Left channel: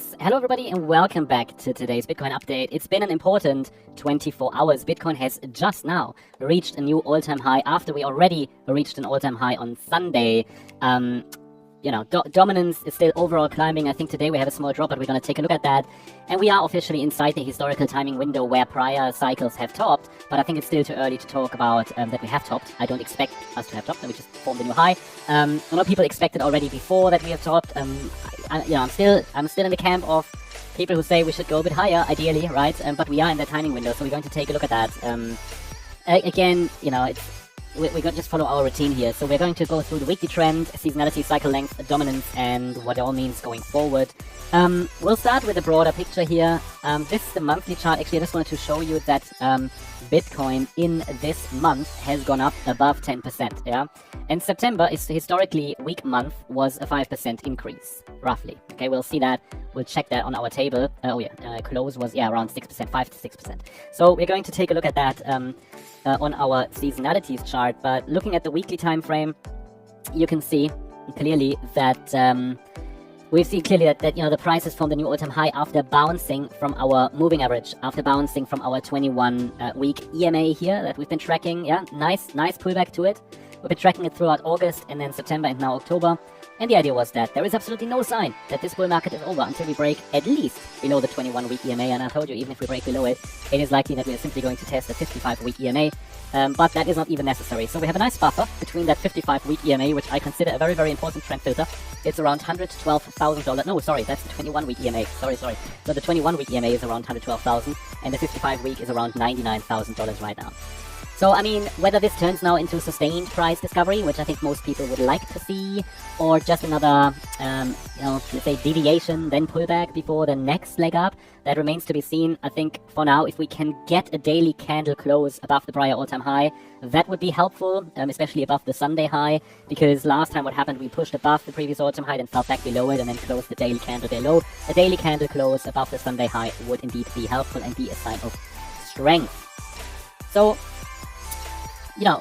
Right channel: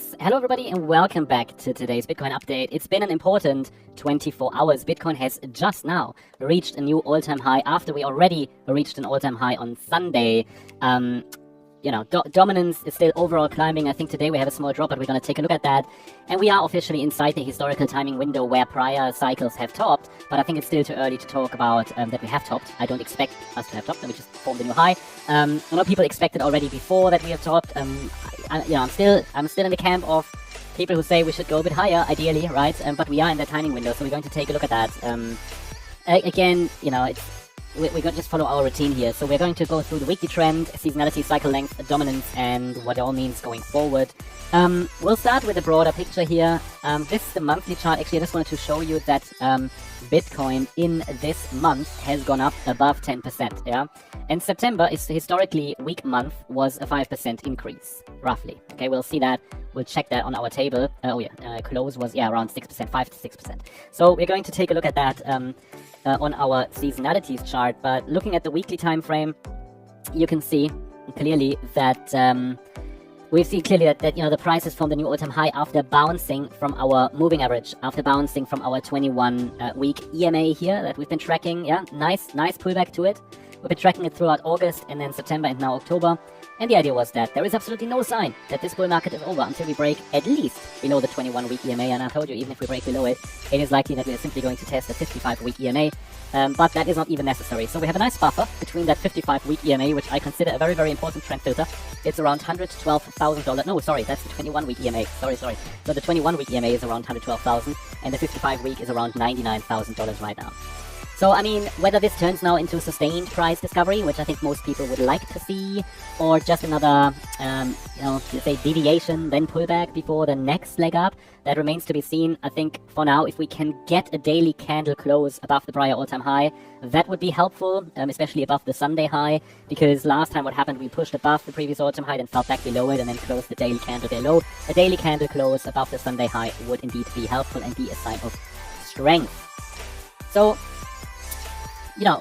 Alright, hello everybody and welcome back to today's Bitcoin update. It's been an important 24 hours. Bitcoin has just now reached a new all-time high after we already reached an all-time high on Sunday. Dominance is still overall climbing. I think today we have a small drop, but we're going to take a look at that. And we are officially inside the historical timing window where prior cycles have topped, but I think it's still too early to talk about that we have topped. I don't expect us to have topped, and we just formed a new high. A lot of people expected already before that we have topped. I'm still in the camp of people who say we should go a bit higher, ideally, right? But we are in that timing window, so we're going to take a look at that. We're going to just follow our routine here. So we're going to go through the weekly trend, seasonality, cycle length, dominance, and what it all means going forward. We'll start with a broader picture here. This is the monthly chart. Actually, I just wanted to show you that Bitcoin in this month has gone up above 10%. Yeah, and September is historically weak month, was a 5% increase, roughly. Okay, we'll see that. We'll check that on our table. Close was around 6%, 5 to 6%. So we're going to take a look at that on our seasonalities chart. But looking at the weekly time frame, you can see clearly that the price has formed a new all-time high after bouncing from our moving average, after bouncing from our 21-week EMA here that we've been tracking. Yeah, nice pullback to it. We've been tracking it throughout August and then September and now October. And the idea was that there is absolutely no sign that this bull market is over until we break at least below the 21-week EMA. And I told you, even if we break below it, it is likely that we are simply going to test the 55-week EMA. But that is not even necessary. So we have a nice buffer between that 55-week EMA, which I consider a very, very important trend filter. It's around $112,000. No, sorry, that's the 21-week EMA. Sorry. So the 21-week EMA is around $112,000, and the 55-week is around $99,000 right now. So, I mean, whether this turns now into sustained price discovery, which I think most people would like to see, or just another, let's say deviation, then pullback before the next leg up, that remains to be seen. I think for now, if we can get a daily candle close above the prior all-time high, that would be helpful, especially above the Sunday high, because last time what happened, we pushed above the previous all-time high, then fell back below it, and then closed the daily candle below. A daily candle close above the Sunday high would indeed be helpful and be a sign of strength. So,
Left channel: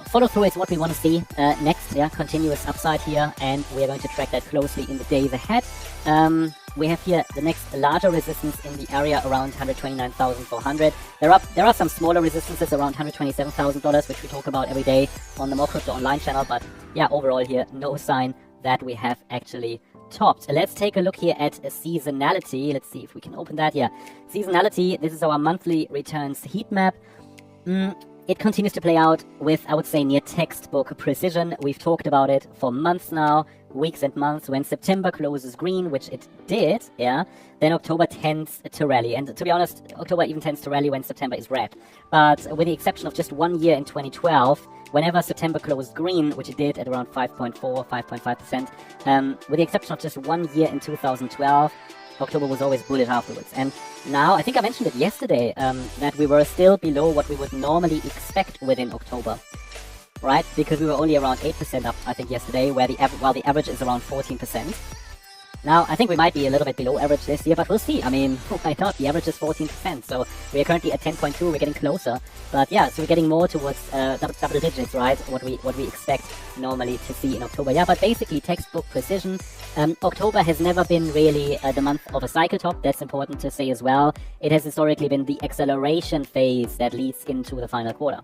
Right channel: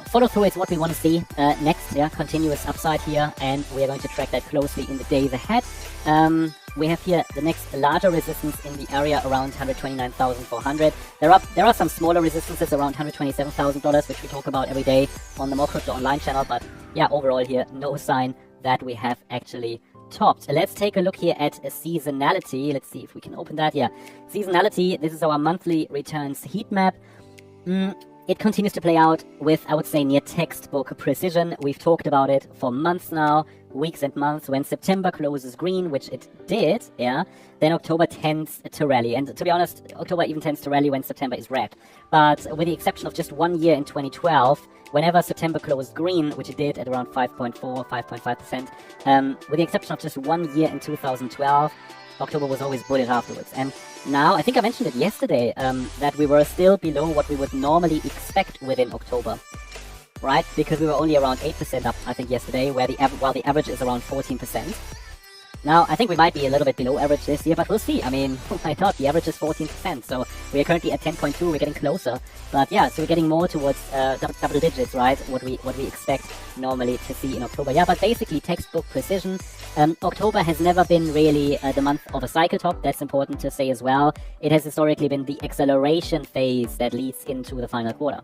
follow through is what we want to see next. Yeah, continuous upside here, and we are going to track that closely in the days ahead. We have here the next larger resistance in the area around $129,400. There are some smaller resistances around $127,000, which we talk about every day on the More Crypto Online channel. But yeah, overall here, no sign that we have actually topped. Let's take a look here at seasonality. Let's see if we can open that. Yeah, seasonality. This is our monthly returns heat map. It continues to play out with, I would say, near textbook precision. We've talked about it for months now, weeks and months. When September closes green, which it did, yeah, then October tends to rally. And to be honest, October even tends to rally when September is red. But with the exception of just 1 year in 2012, whenever September closed green, which it did at around 5.4, 5.5%, with the exception of just 1 year in 2012, October was always bullish afterwards. And now, I think I mentioned it yesterday, that we were still below what we would normally expect within October, right? Because we were only around 8% up, I think, yesterday, while the average is around 14%. Now, I think we might be a little bit below average this year, but we'll see. I mean, why not? The average is 14%, so we are currently at 10.2. We're getting closer, but yeah, so we're getting more towards double digits, right? What we expect normally to see in October. Yeah, but basically textbook precision. October has never been really the month of a cycle top. That's important to say as well. It has historically been the acceleration phase that leads into the final quarter.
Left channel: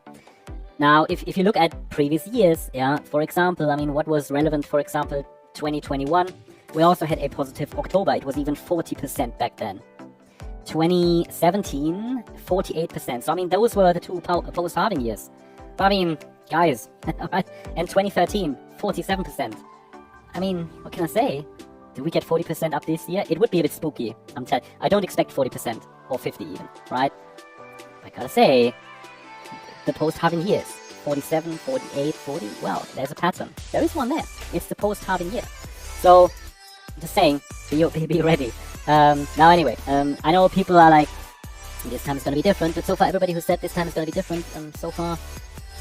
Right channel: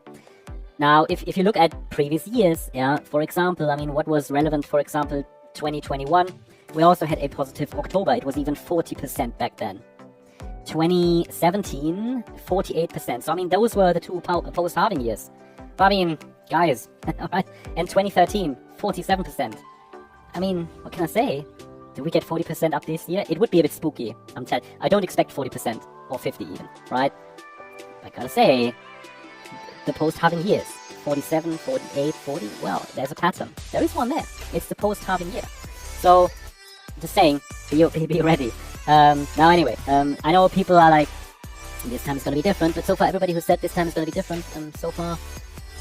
Now, if you look at previous years, yeah, for example, I mean, what was relevant, for example, 2021, we also had a positive October. It was even 40% back then. 2017, 48%. So, I mean, those were the two post-halving years. But, I mean, guys, and 2013, 47%. I mean, what can I say? Did we get 40% up this year? It would be a bit spooky. I don't expect 40% or 50 even, right? I gotta say, the post-halving years, 47, 48, 40, well, there's a pattern. There is one there. It's the post-halving year. So, just saying, be ready. Now anyway, I know people are like, this time is gonna be different, but so far everybody who said this time is gonna be different, so far,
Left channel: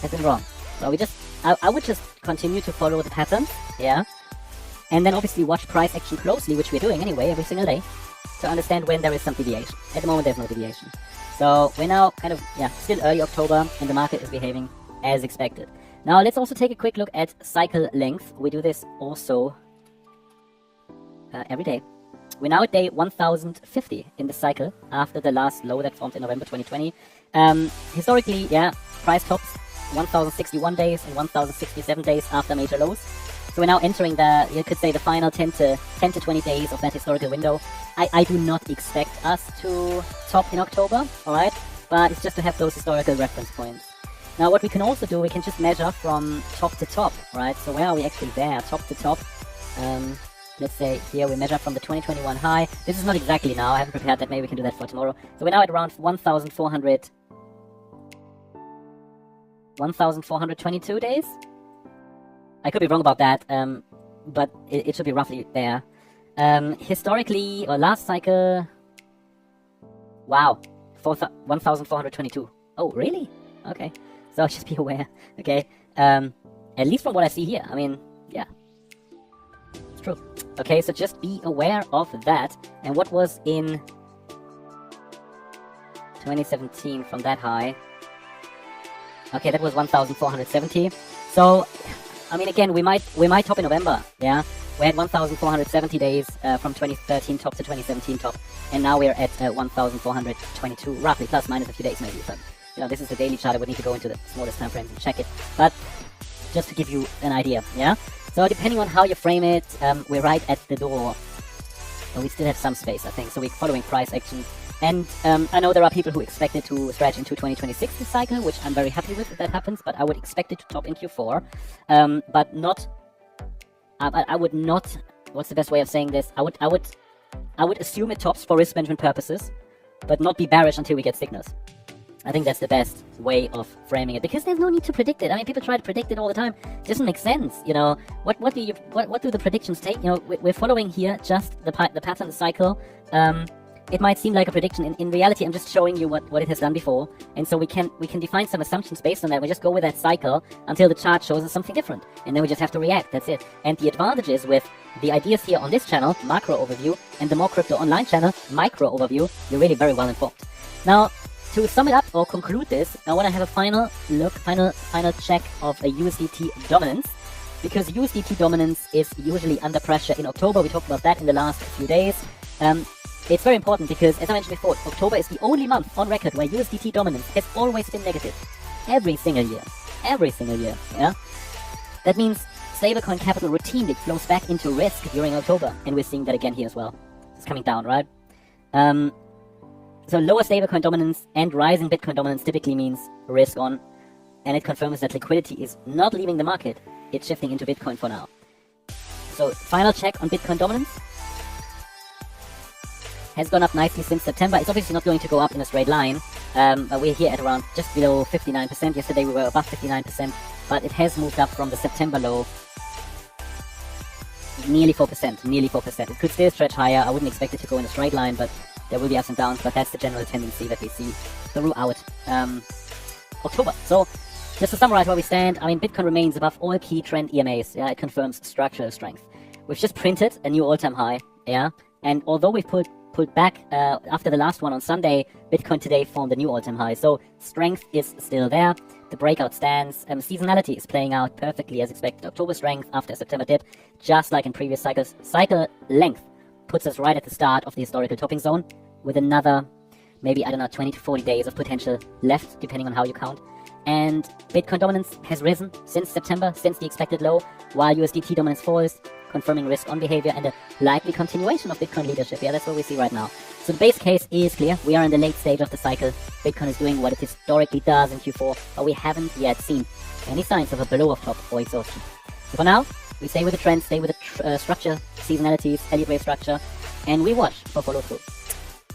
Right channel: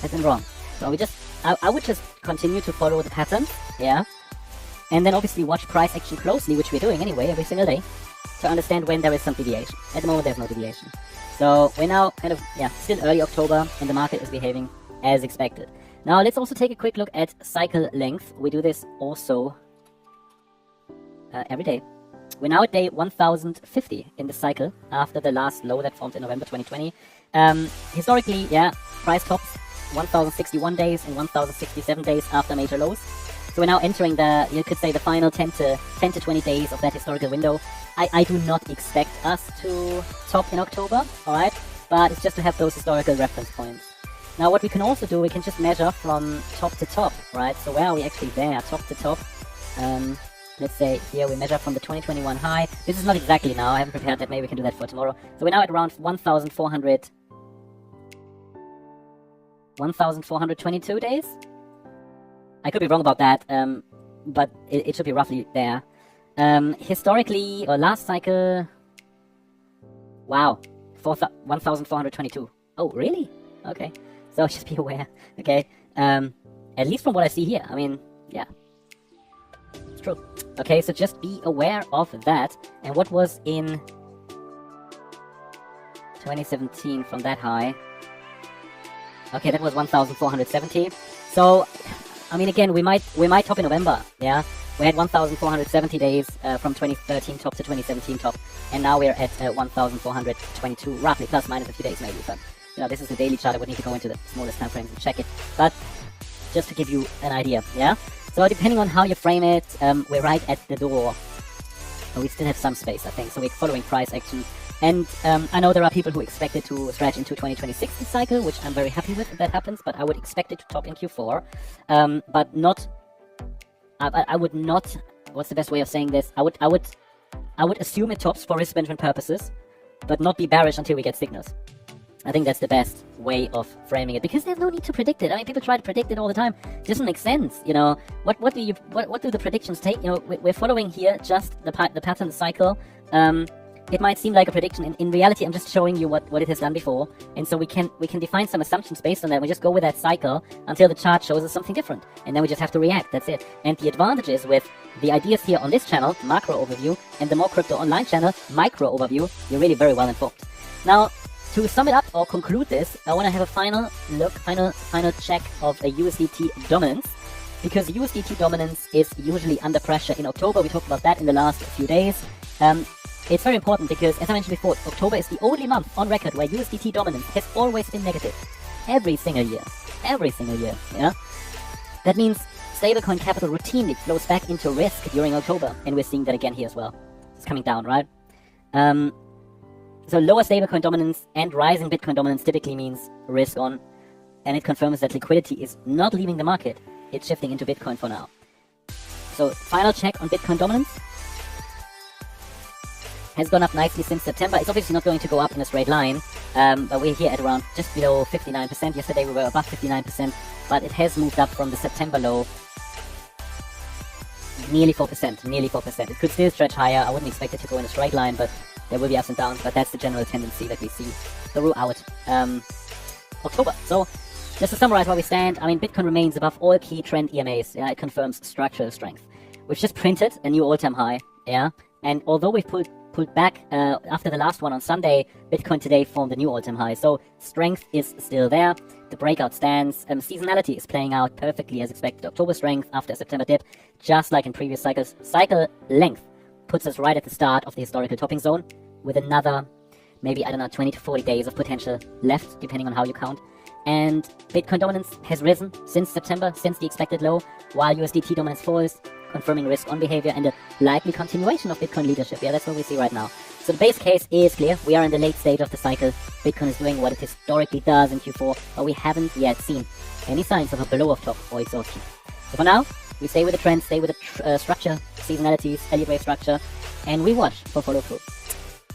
has been wrong. So I would just continue to follow the pattern, yeah? And then obviously watch price action closely, which we're doing anyway, every single day, to understand when there is some deviation. At the moment, there's no deviation. So we're now kind of, still early October, and the market is behaving as expected. Now let's also take a quick look at cycle length. We do this also every day. We're now at day 1050 in the cycle after the last low that formed in November 2020. Historically, yeah, price tops 1061 days and 1067 days after major lows. So we're now entering the, you could say, the final 10 to 20 days of that historical window. I do not expect us to top in October, alright? But it's just to have those historical reference points. Now what we can also do, we can just measure from top to top, right? So where are we actually there, top to top? Let's say here we measure from the 2021 high. This is not exactly now, I haven't prepared that, maybe we can do that for tomorrow. So we're now at around 1,422 days? I could be wrong about that, but it should be roughly there. Historically, or last cycle, wow, 1,422. Oh, really? Okay, so just be aware, okay? At least from what I see here, I mean, yeah. It's true. Okay, so just be aware of that. And what was in 2017 from that high? Okay, that was 1,470. So, I mean, again, we might top in November, yeah? We had 1,470 days from 2013 top to 2017 top, and now we're at 1,422, roughly, plus minus a few days maybe. But, you know, this is the daily chart. I would need to go into the smallest time frames and check it. But just to give you an idea, yeah? So depending on how you frame it, we're right at the door. We still have some space, I think, so we're following price action. And I know there are people who expect it to stretch into 2026 this cycle, which I'm very happy with if that happens, but I would expect it to top in Q4. But not... I would not... What's the best way of saying this? I would assume it tops for risk management purposes, but not be bearish until we get signals. I think that's the best way of framing it, because there's no need to predict it. I mean, people try to predict it all the time. It doesn't make sense, you know. What do the predictions take? You know, we're following here just the pattern cycle. It might seem like a prediction. In reality, I'm just showing you what it has done before, and so we can define some assumptions based on that. We just go with that cycle until the chart shows us something different, and then we just have to react. That's it. And the advantage is with the ideas here on this channel, macro overview, and the More Crypto Online channel, micro overview, you're really very well informed. Now, to sum it up or conclude this, I want to have a final look, final check of a USDT dominance, because USDT dominance is usually under pressure in October. We talked about that in the last few days. It's very important because, as I mentioned before, October is the only month on record where USDT dominance has always been negative. Every single year, yeah? That means stablecoin capital routinely flows back into risk during October, and we're seeing that again here as well. It's coming down, right? So lower stablecoin dominance and rising Bitcoin dominance typically means risk on, and it confirms that liquidity is not leaving the market, it's shifting into Bitcoin for now. So final check on Bitcoin dominance. Has gone up nicely since September. It's obviously not going to go up in a straight line, but we're here at around just below 59%. Yesterday we were above 59%, but it has moved up from the September low. Nearly 4%. It could still stretch higher. I wouldn't expect it to go in a straight line, but there will be ups and downs, but that's the general tendency that we see throughout October. So, just to summarize where we stand, I mean, Bitcoin remains above all key trend EMAs. Yeah, it confirms structural strength. We've just printed a new all-time high, yeah, and although we've pulled back after the last one on Sunday, Bitcoin today formed a new all-time high. So strength is still there. The breakout stands. Seasonality is playing out perfectly as expected. October strength after a September dip, just like in previous cycles. Cycle length puts us right at the start of the historical topping zone with another, maybe, I don't know, 20 to 40 days of potential left, depending on how you count. And Bitcoin dominance has risen since September, since the expected low, while USDT dominance falls, confirming risk on behavior and a likely continuation of Bitcoin leadership. Yeah, that's what we see right now. So the base case is clear. We are in the late stage of the cycle. Bitcoin is doing what it historically does in Q4, but we haven't yet seen any signs of a blow off top or exhaustion. So for now, we stay with the trend, stay with the structure, seasonalities, Libre structure, and we watch for follow through.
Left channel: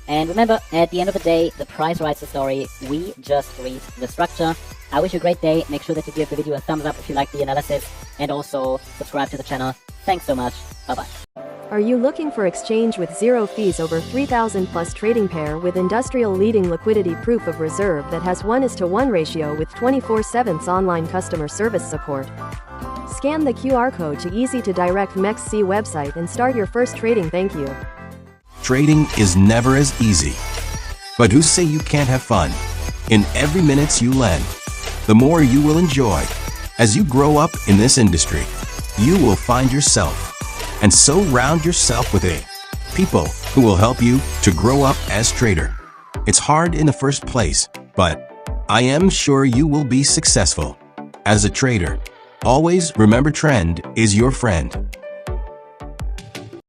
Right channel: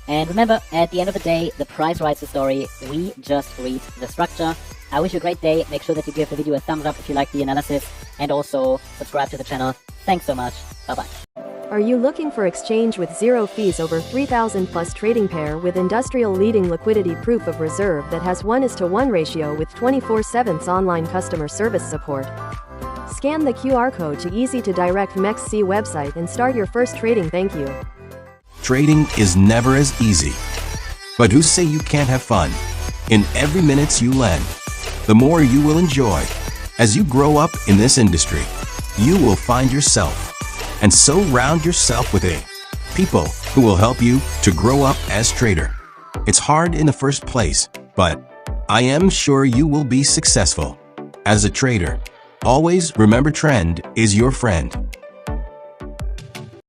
And remember, at the end of the day, the price writes the story. We just read the structure. I wish you a great day. Make sure that you give the video a thumbs up if you like the analysis, and also subscribe to the channel. Thanks so much. Bye-bye. Are you looking for exchange with zero fees over 3,000 plus trading pair with industrial leading liquidity proof of reserve that has 1:1 ratio with 24/7 online customer service support? Scan the QR code to easy to direct MEXC website and start your first trading. Thank you. Trading is never as easy. But who say you can't have fun? In every minute you lend, the more you will enjoy. As you grow up in this industry, you will find yourself, and so round yourself with people who will help you to grow up as trader. It's hard in the first place, but I am sure you will be successful. As a trader, always remember trend is your friend.